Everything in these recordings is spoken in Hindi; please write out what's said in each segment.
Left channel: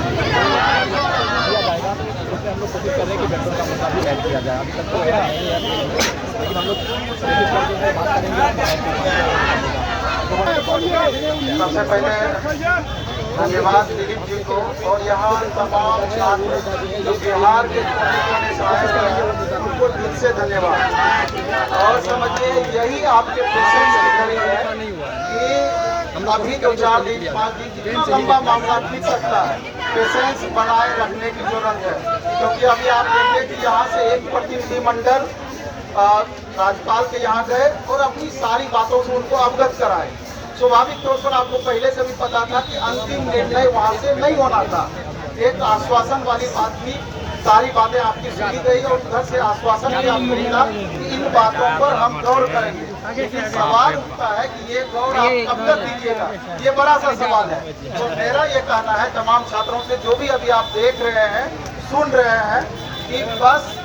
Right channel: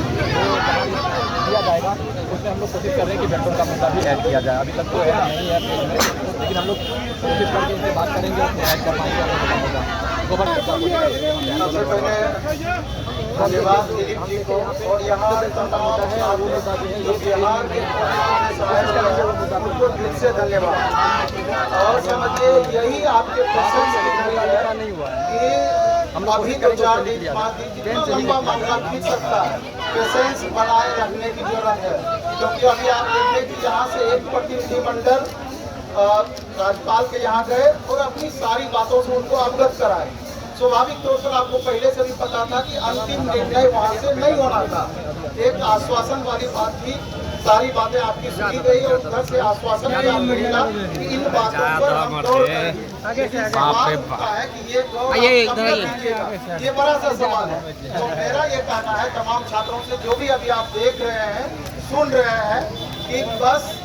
दिया जाएगा, उसमें हम लोग कोशिश कर रहे हैं कि पेट्रोल का मुद्दा भी ऐड किया जाए। अभी तक तो ऐसा नहीं है अपने में, लेकिन हम लोग कोशिश करके इसमें बात करेंगे, ऐड कर पाएंगे सबसे पहले धन्यवाद दिलीप जी को और यहाँ तमाम बिहार के दिल से धन्यवाद। और समझिए यही आपके पेशेंस की कमी है कि अभी तो 4 दिन 5 दिन जितना लंबा मामला खींच सकता है, पेशेंस बनाए रखने की जरूरत है। क्योंकि अभी आप देखिए कि यहाँ से एक प्रतिनिधिमंडल राज्यपाल के यहाँ गए और अपनी सारी बातों से उनको अवगत कराए। स्वाभाविक तौर पर आपको पहले से भी पता था कि अंतिम निर्णय वहाँ से नहीं होना था, एक आश्वासन वाली बात थी। सारी बातें आपकी सुनी गई और उधर से आश्वासन भी आपको मिला कि इन बातों पर हम गौर करेंगे। सवाल उठता है कि ये गौर आप कब तक कीजिएगा, ये बड़ा सा सवाल है। तो मेरा ये कहना है तमाम छात्रों से, जो भी अभी आप देख रहे हैं सुन रहे हैं, कि बस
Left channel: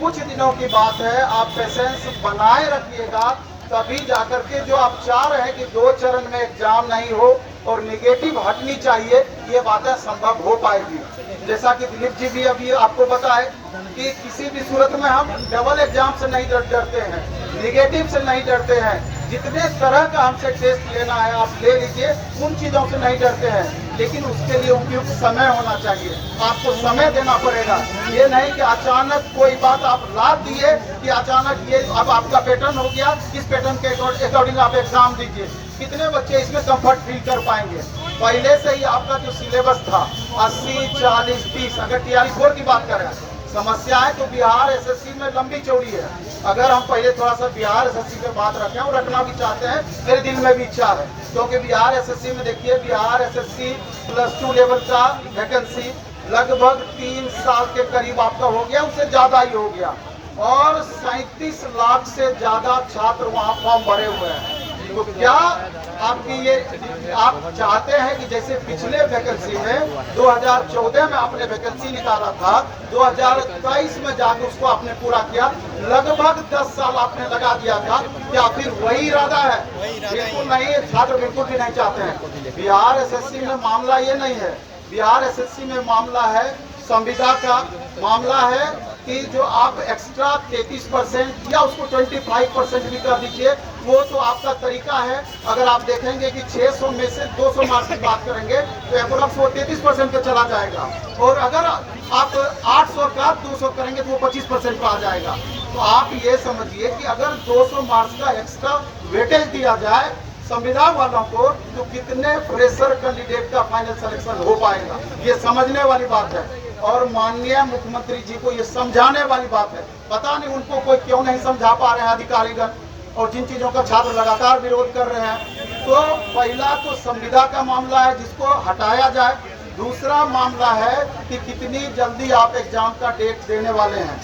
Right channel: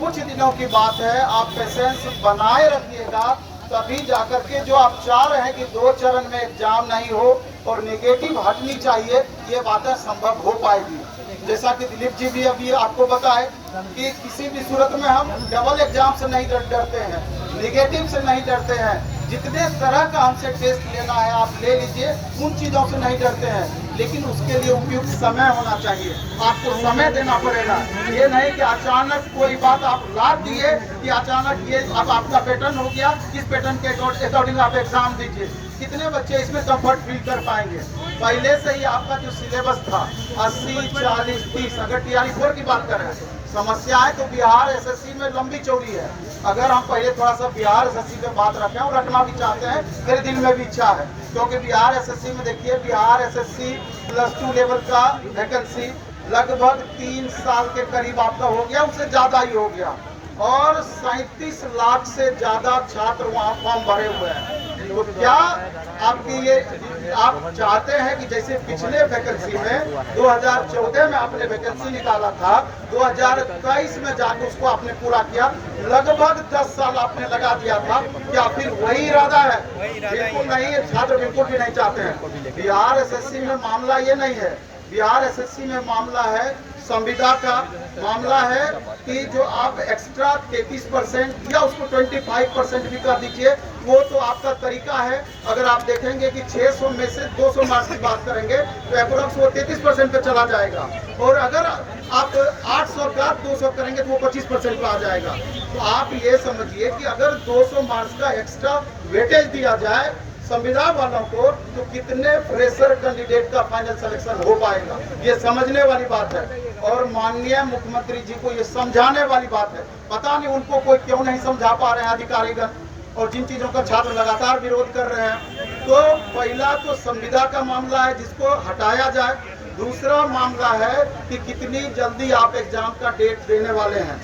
कुछ दिनों की बात है, आप पेशेंस बनाए रखिएगा, तभी जाकर के जो आप चाह रहे हैं कि 2 चरण में एग्जाम नहीं हो और नेगेटिव हटनी चाहिए, ये बातें संभव हो पाएगी। जैसा कि दिलीप जी भी अभी आपको बताए कि किसी भी सूरत में हम डबल एग्जाम से नहीं डरते हैं, नेगेटिव से नहीं डरते हैं। जितने तरह का हमसे टेस्ट लेना है आप ले लीजिए, उन चीज़ों से नहीं डरते हैं, लेकिन उसके लिए उपयुक्त समय होना चाहिए। आपको समय देना पड़ेगा। ये नहीं कि अचानक कोई बात आप लाद दिए कि अचानक ये अब आपका पैटर्न हो गया, इस पैटर्न के अकॉर्डिंग आप एग्जाम दीजिए। कितने बच्चे इसमें कंफर्ट फील कर पाएंगे? पहले से ही आपका जो सिलेबस था 80, 40, 30, अगर TR4 की बात करें, समस्या है तो बिहार SSC में लंबी चौड़ी है। अगर हम पहले थोड़ा सा बिहार SSC पे बात रखें और रखना भी चाहते हैं, मेरे दिल में भी इच्छा है, क्योंकि बिहार SSC में देखिए, बिहार SSC +2 लेवल का वैकेंसी लगभग 3 साल के करीब आपका हो गया, उससे ज़्यादा ही हो गया, और 37 लाख से ज़्यादा छात्र वहाँ फॉर्म भरे हुए हैं। तो क्या आपकी ये आप चाहते हैं कि जैसे पिछले वैकेंसी में 2014 में आपने वैकेंसी निकाला था, 2023 में जाकर उसको आपने पूरा किया, लगभग 10 साल आपने लगा दिया था, क्या फिर वही इरादा है? बिल्कुल नहीं है, छात्र बिल्कुल भी नहीं चाहते हैं। बिहार SSC में मामला ये नहीं है, बिहार SSC में मामला है, संविदा का मामला है कि जो आप एक्स्ट्रा 33% या उसको 25% भी कर दीजिए, वो तो आपका तरीका है। अगर आप देखेंगे कि 600 में से 200 मार्क्स की बात करेंगे तो अप्रोक्स वो 33% पे चला जाएगा, और अगर आप 800 का 200 करेंगे तो वो 25% पे आ जाएगा। तो आप ये समझिए कि अगर 200 मार्क्स का एक्स्ट्रा वेटेज दिया जाए संविधान वालों को, तो कितने फ्रेशर कैंडिडेट का फाइनल सिलेक्शन हो पाएगा, ये समझने वाली बात है। और माननीय मुख्यमंत्री जी को ये समझाने वाली बात है। पता नहीं उनको कोई क्यों नहीं समझा पा रहे हैं अधिकारीगण, और जिन चीज़ों का छात्र लगातार विरोध कर रहे हैं। तो पहला तो संविदा का मामला है, जिसको हटाया जाए। दूसरा मामला है कि कितनी जल्दी आप एग्जाम का डेट देने वाले हैं,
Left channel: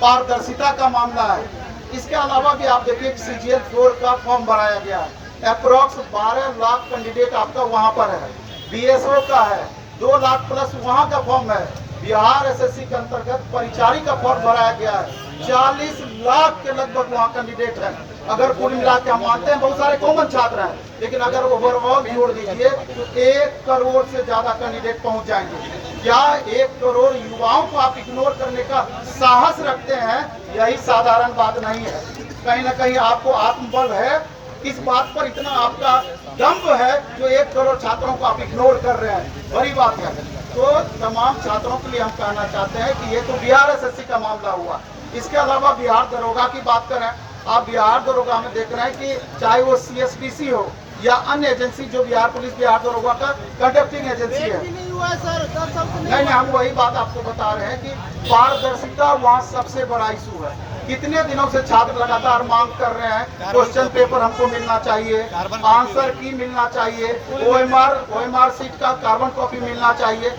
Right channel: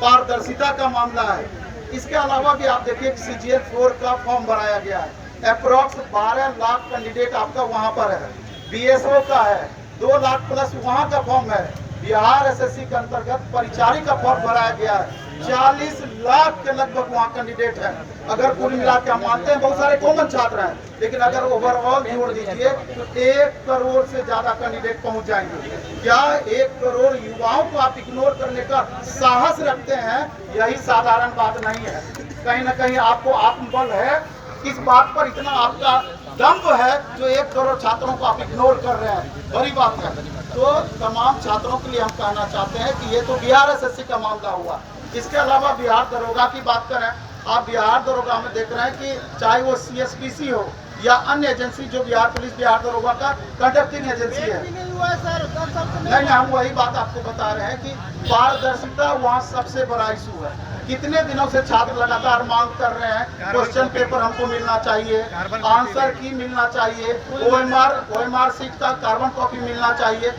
पारदर्शिता का मामला है। इसके अलावा भी आप देखिए CGL 4 का फॉर्म भराया गया है, अप्रोक्स 12 लाख कैंडिडेट आपका वहां पर है। BSO का है 2 लाख प्लस वहां का फॉर्म है। बिहार SSC के अंतर्गत परिचारी का फॉर्म भराया गया है, 40 लाख के लगभग वहाँ कैंडिडेट हैं। अगर कुल मिला के हम मानते हैं बहुत सारे कॉमन छात्र हैं, लेकिन अगर ओवरऑल जोड़ दीजिए तो 1 करोड़ से ज्यादा कैंडिडेट पहुंच जाएंगे। क्या 1 करोड़ युवाओं को आप इग्नोर करने का साहस रखते हैं? यही साधारण बात नहीं है। कहीं ना कहीं आपको आत्मबल है, इस बात पर इतना आपका दम्भ है, जो 1 करोड़ छात्रों को आप इग्नोर कर रहे हैं, बड़ी बात है। तो तमाम छात्रों के लिए हम कहना चाहते हैं कि ये तो बिहार SSC का मामला हुआ। इसके अलावा बिहार दरोगा की बात करें, आप बिहार दरोगा में देख रहे हैं कि चाहे वो CSPC हो या अन्य एजेंसी, जो बिहार पुलिस बिहार दरोगा का कंडक्टिंग एजेंसी है, नहीं, हम वही बात आपको बता रहे हैं कि पारदर्शिता वहाँ सबसे बड़ा इशू है। कितने दिनों से छात्र लगातार मांग कर रहे हैं, क्वेश्चन पेपर हमको मिलना चाहिए, आंसर की मिलना चाहिए, OMR सीट का कार्बन कॉपी मिलना चाहिए।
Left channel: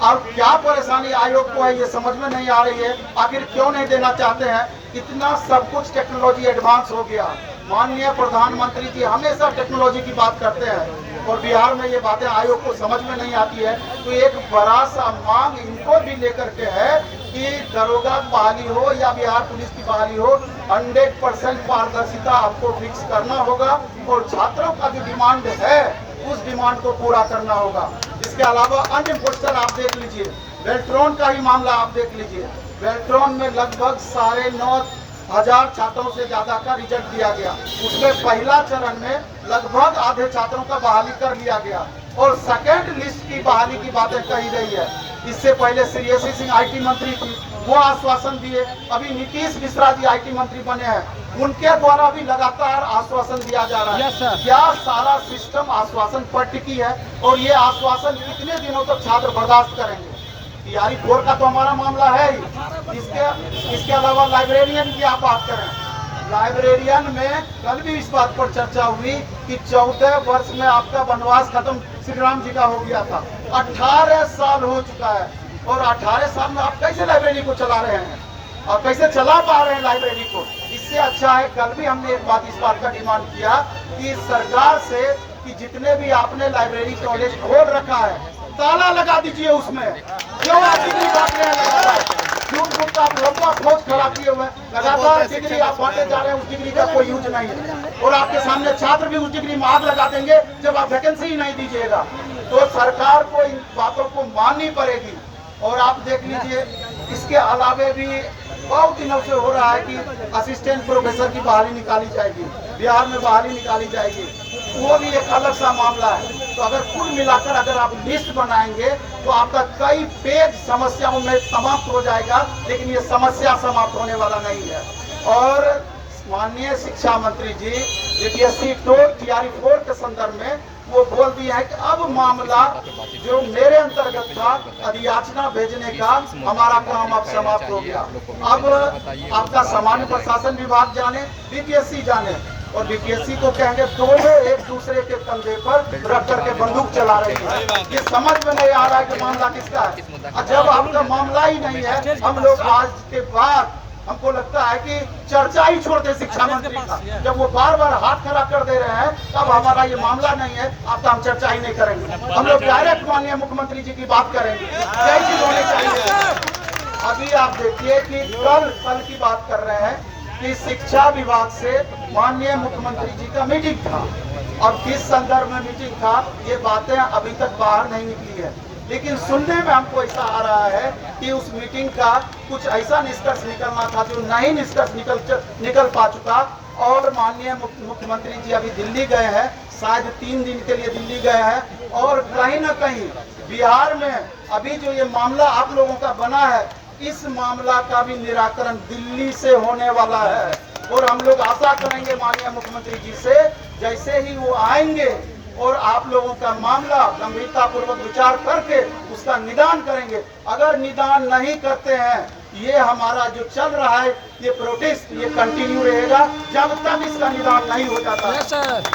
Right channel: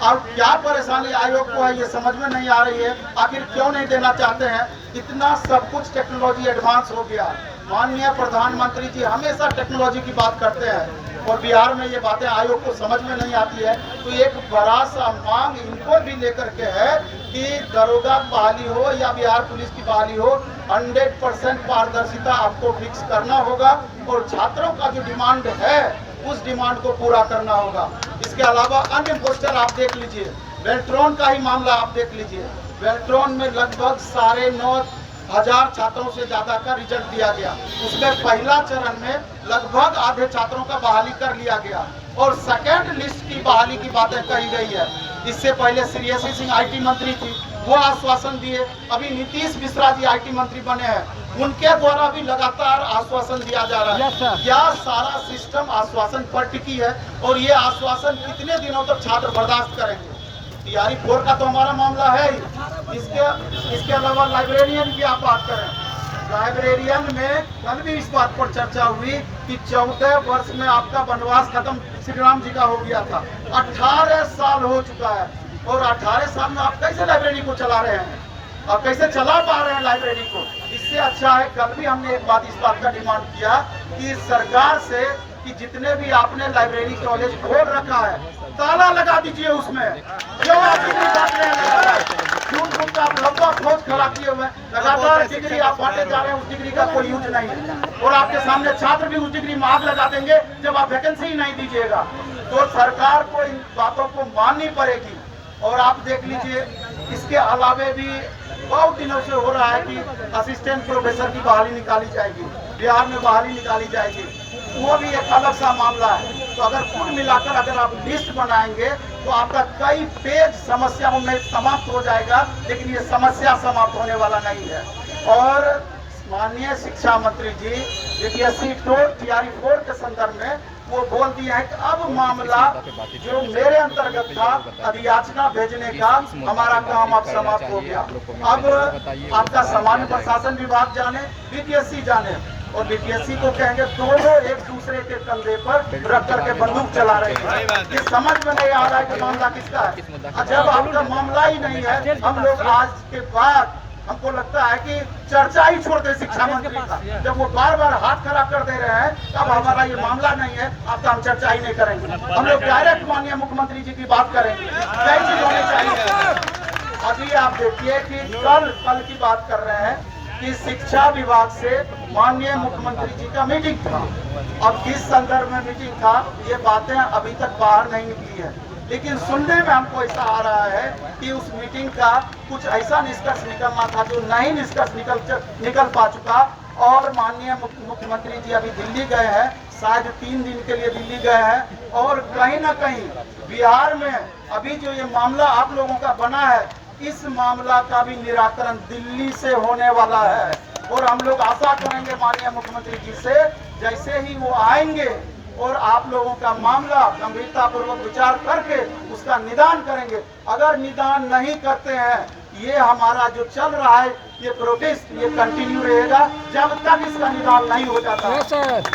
और क्या परेशानी आयोग को है, ये समझ में नहीं आ रही है, आखिर क्यों नहीं देना चाहते हैं? इतना सब कुछ टेक्नोलॉजी एडवांस हो गया। माननीय प्रधानमंत्री जी हमेशा टेक्नोलॉजी की बात करते हैं, और बिहार में ये बातें आयोग को समझ में नहीं आती है। तो एक बड़ा सा मांग इनको भी लेकर के है कि दरोगा बहाली हो या बिहार पुलिस की बहाली हो, 100% पारदर्शिता आपको फिक्स करना होगा, और छात्रों का जो डिमांड है उस डिमांड को पूरा करना होगा। इसके अलावा अन्य पोस्टर आप देख लीजिए। बेल्ट्रॉन का ही मामला आप देख लीजिए। बेल्ट्रॉन में लगभग 9,500 छात्रों से ज्यादा का रिजल्ट दिया गया। उसमें पहला चरण में लगभग आधे छात्रों का बहाली कर लिया गया और सेकेंड लिस्ट की बहाली की बातें कही गई है। इससे पहले श्रेयसी सिंह आईटी मंत्री थी, वो आश्वासन दिए। अभी नीतीश मिश्रा जी आईटी मंत्री बने हैं, उनके द्वारा भी लगातार आश्वासन दिया जा रहा है। क्या सारा सिस्टम आश्वासन पर टिकी है और ये आश्वासन कितने दिनों तक छात्र बर्दाश्त करेंगे? तैयारी 4 का तो हमारा मामला है ही। इसके अलावा लाइब्रेरियन की आप बात करें, लाइब्रेरियन में कल भी इस बात पर चर्चा हुई कि 14 वर्ष में आपका वनवास खत्म श्री राम जी का हो गया था। 18 साल हो चुका है और 18 साल में आप कैसे लाइब्रेरी को चला रहे हैं और कैसे चला पा रहे हैं लाइब्रेरी को? इससे अच्छा है, कल भी हमने एक बात इस बात का डिमांड किया कि सरकार से कि जितने भी आपने लाइब्रेरी कॉलेज खोल रखा है ताला लगा दीजिए उसमें। क्यों आप डिग्री बांट रहे हैं? झूठ आप लंबा खोज खड़ा किए हुए लगातार डिग्री आप बांटे जा रहे हैं, उस डिग्री का कोई यूज नहीं है और आपके सामने छात्र भी उस डिग्री में आग लगा देंगे जब आप वैकेंसी ही नहीं दीजिएगा। तो सरकार को इन बातों को माननी पड़ेगी। और आप देख लीजिए, इसके अलावे भी बहुत दिनों से हो रहा है कि असिस्टेंट प्रोफेसर की बहाली निकाली जाएगी, बिहार में बहाली निकाली जाएगी, वो भी एक अलग सा मामला है। तो अगर कुल मिलाकर अगर आप लिस्ट बनाएंगे तो आपका कई पेज समस्याओं में समाप्त हो जाएगा, लेकिन ये समस्या समाप्त होने वाला नहीं है। और माननीय शिक्षा मंत्री जी बीपीएससी तैयारी 4 के संदर्भ में वो बोल दिया है कि अब मामला जो मेरे अंतर्गत था अधियाचना भेजने का, हमारा काम अब समाप्त हो गया। अब आपका सामान्य प्रशासन विभाग जाने, बीपीएससी जाने और बीपीएससी को कहेंगे दोनों एक दूसरे के कंधे पर रख करके बंदूक चला रहे हैं। ये समझ में नहीं आ रहा है कि मामला किसका है। जब आपका मामला ही नहीं है, हम लोग आज के बाद हमको लगता है कि चर्चा ही छोड़ दे शिक्षा मंत्री का। जब वो बार बार हाथ खड़ा कर दे रहे हैं तब हमारा ये मामला नहीं है, अब तो हम चर्चा ही नहीं करेंगे। हम लोग डायरेक्ट माननीय मुख्यमंत्री जी की बात करेंगे, क्या चीज होनी चाहिए। अभी आप देखिए कि कल की बात कर रहे हैं कि शिक्षा विभाग से माननीय मुख्यमंत्री जी का मीटिंग था और किस संदर्भ में मीटिंग था ये बातें अभी तक बाहर नहीं निकली है, लेकिन सुनने में हमको ऐसा आ रहा है कि उस मीटिंग का कुछ ऐसा निष्कर्ष निकलना था जो नहीं निष्कर्ष निकल पा चुका। और माननीय मुख्यमंत्री जी अभी दिल्ली गए हैं, शायद 3 दिन के लिए दिल्ली गए हैं और कहीं ना कहीं बिहार में अभी जो ये मामला आप लोगों का बना है, इस मामला का भी निराकरण दिल्ली से होने वाला है। और हम लोग आशा करेंगे माननीय मुख्यमंत्री जी से, जैसे ही वो आएंगे और आप लोगों का मामला गंभीरता पूर्वक विचार करके उसका निदान करेंगे। अगर निदान नहीं करते हैं, ये हमारा जो चल रहा है ये प्रोटेस्ट ये कंटिन्यू रहेगा जब तक इसका निदान नहीं हो जाता।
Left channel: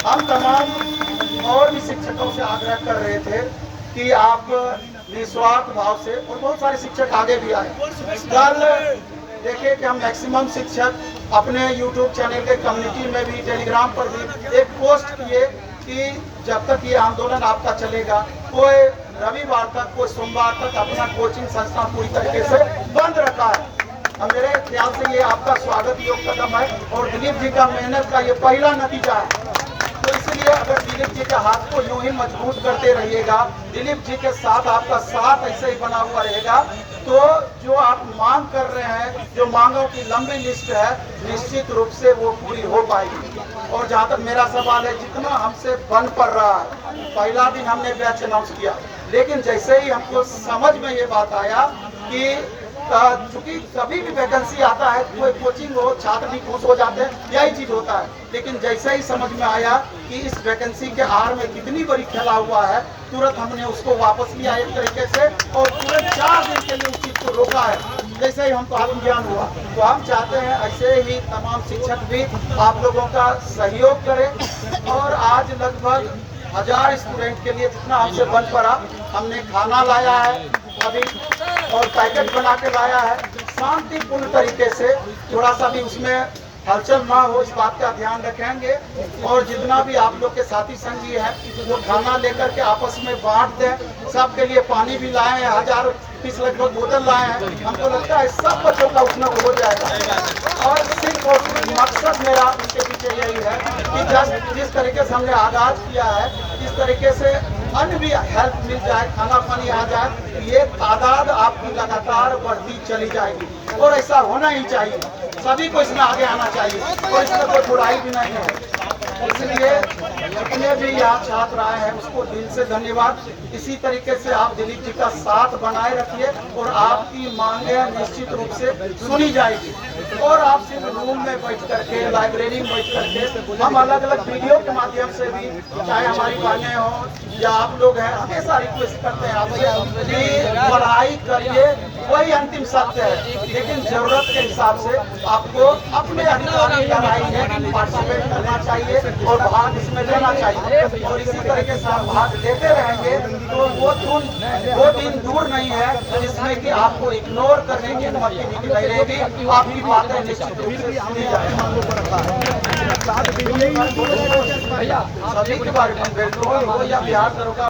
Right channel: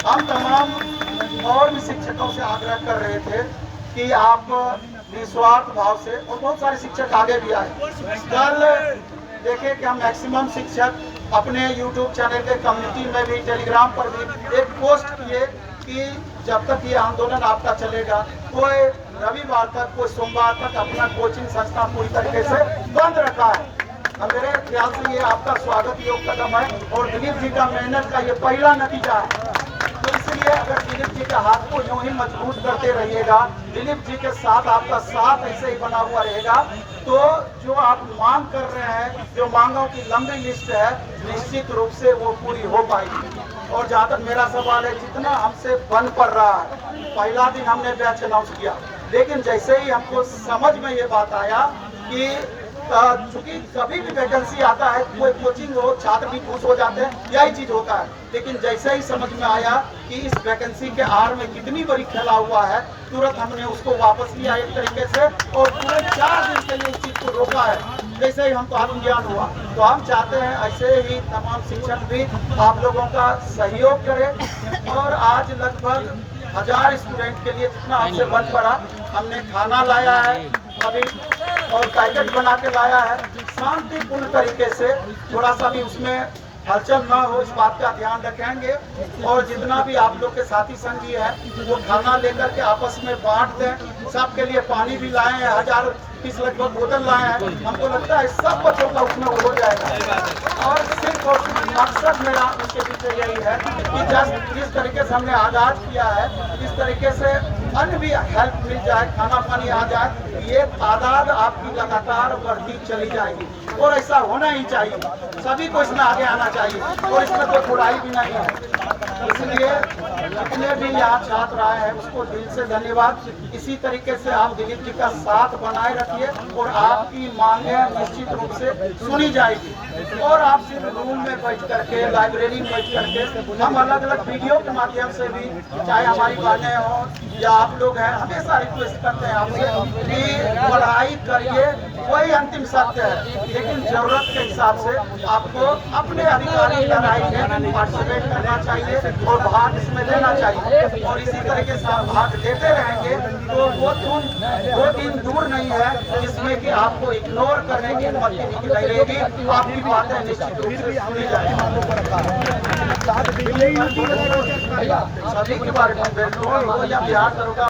हम तमाम और भी शिक्षकों से आग्रह कर रहे थे कि आप निस्वार्थ भाव से, और बहुत सारे शिक्षक आगे भी आए, कल देखे कि हम मैक्सिमम शिक्षक अपने YouTube चैनल के कम्युनिटी में भी, टेलीग्राम पर भी एक पोस्ट किए कि जब तक ये आंदोलन आपका चलेगा, कोई रविवार तक, कोई सोमवार तक अपना कोचिंग संस्थान पूरी तरीके से बंद रखा है। मेरे ख्याल से ये आपका स्वागत योग्य कदम है और दिलीप जी का मेहनत का ये पहला नतीजा है। तो इसलिए अगर दिलीप जी का हाथ को यूं ही मजबूत करते रहिएगा, दिलीप जी के साथ आपका साथ ऐसे ही बना हुआ रहेगा, तो जो आप मांग कर रहे हैं, जो मांगों की लंबी लिस्ट है, निश्चित रूप से वो पूरी हो पाएगी। और जहाँ तक मेरा सवाल है, जितना हमसे बन पड़ रहा है, पहला दिन हमने बैच अनाउंस किया, लेकिन जैसे ही हमको समझ में ये बात आया कि चूंकि कभी भी वैकेंसी आता है, कोई कोचिंग हो, छात्र भी खुश हो जाते हैं, यही चीज होता है। लेकिन जैसे ही समझ में आया कि इस वैकेंसी के आड़ में कितनी बड़ी फैला हुआ है, तुरंत हमने उसको वापस लिया एक तरीके से और पूरे 4 दिन के लिए उस चीज को रोका है। जैसे ही हमको आत्मज्ञान हुआ, तो हम चाहते हैं ऐसे ही तमाम शिक्षक भी आप लोगों का सहयोग करें। और आज लगभग 1000 स्टूडेंट के लिए जितना हमसे बन पड़ा, हमने खाना लाया है अभी और पैकेट बना के लाया है, शांतिपूर्ण तरीके से, थोड़ा सा भी उसमें हलचल ना हो इस बात का ध्यान रखेंगे। और जितना भी आप लोग के साथी संगी है वो खाना लेकर के आपस में बांट दें। सबके लिए पानी भी लाए हैं, 1000 पीस लगभग बोतल लाए हैं। हमको लगता है सब बच्चों का उतना हो जाएगा। और सिर्फ मकसद मेरा उनके पीछे यही है कि जिस तरीके से हमने आगाज किया है, इस तरीके से अन्य भी हेल्प मिल जाए, खाना पानी आ जाए, ये तादाद आपकी लगातार बढ़ती चली जाएगी और ऐसा होना ही चाहिए। सभी को इसमें आगे आना चाहिए और इसमें कोई बुराई भी नहीं है। इसलिए जितने भी यहाँ छात्र आए हैं उसको दिल से धन्यवाद। इसी तरीके से आप दिलीप जी का साथ बनाए रखिए और आपकी मांगें निश्चित रूप से सुनी जाएगी। और आप सिर्फ रूम में बैठ करके, लाइब्रेरी में बैठ करके, हम अलग अलग वीडियो के माध्यम से भी, चाहे हमारी बहनें हों या आप लोग हैं, हमेशा रिक्वेस्ट करते हैं आपसे कि पढ़ाई करिए, वही अंतिम सत्य है। लेकिन जरूरत के हिसाब से आपको अपने अधिकारी में पार्टिसिपेट करना चाहिए और भाग इसमें लेना चाहिए। और इसी तरीके से आप भाग लेते रहेंगे तो वो दिन दूर नहीं है जिसमें कि आपको इग्नोर करने की अनुमति नहीं रहेगी। आपकी बातें निश्चित रूप से सुनी जाएंगी। सभी के बारे में या बिहार दरोगा